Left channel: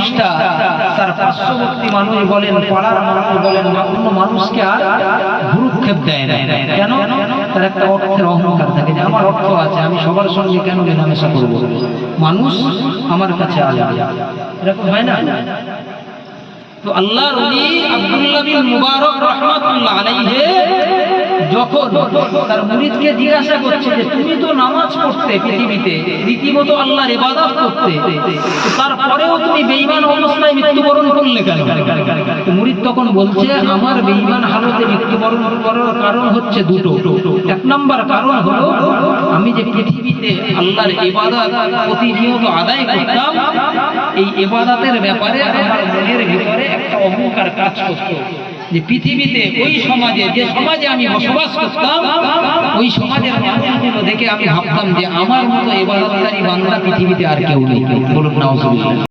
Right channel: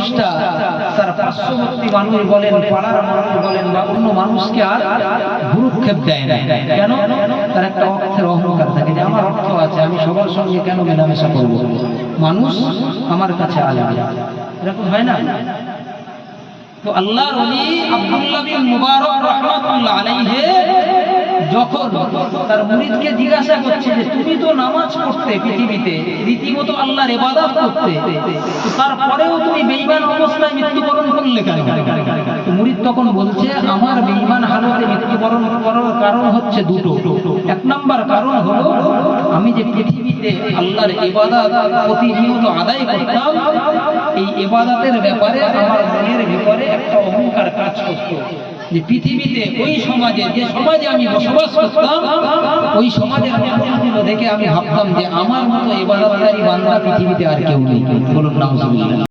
মানুষটা তার পার্শ্ববর্তী মানুষ বলেন, পাড়ার মানুষ বলেন বা অন্য মানুষকে আর ভ্রুক্ষেপ দেয় না। কেন? তার একটা অর্থের অহংকার থাকে যে আমার অর্থ আছে, আমি সবার সঙ্গে কেন মেলামেশা করব, মানুষ আমার কাছে আসবে, এরকম হয় না? তো আল্লাহর ওলি আব্দুল্লাহ বিন মুবারক রাহমাতুল্লাহ আলাইহি যখন তার মুরিদকে জিজ্ঞাসা করছে যে তুমি তো নামাজ পড়তে পৃথিবীতে, রীতিমতো আল্লাহর ইবাদত করতে, তারপরেও তুমি বেঈমান অবস্থায় মৃত্যুবরণ করলে কেন? মুরিদ তখন বলছে আমার বেঈমান হালতে মৃত্যুবরণ করার কারণ হচ্ছে দুটো। এক নম্বর কারণ হলো আমি যে পৃথিবীতে আল্লাহর ইবাদত প্রতিনিয়ত আদায় করতাম, এই ইবাদতের ব্যাপারে আমার মনের ভিতরে একটা অহংকার কাজ করত যে পৃথিবীতে ওই সমাজে, যে সমাজে আমি বসবাস করতাম, ওই সমাজের মানুষগুলো দেখে আমি ভাবতাম যে আমার মতো ইবাদতকারী বান্দা পৃথিবীতে আর কেউ নেই। বলুন নাউজুবিল্লাহ।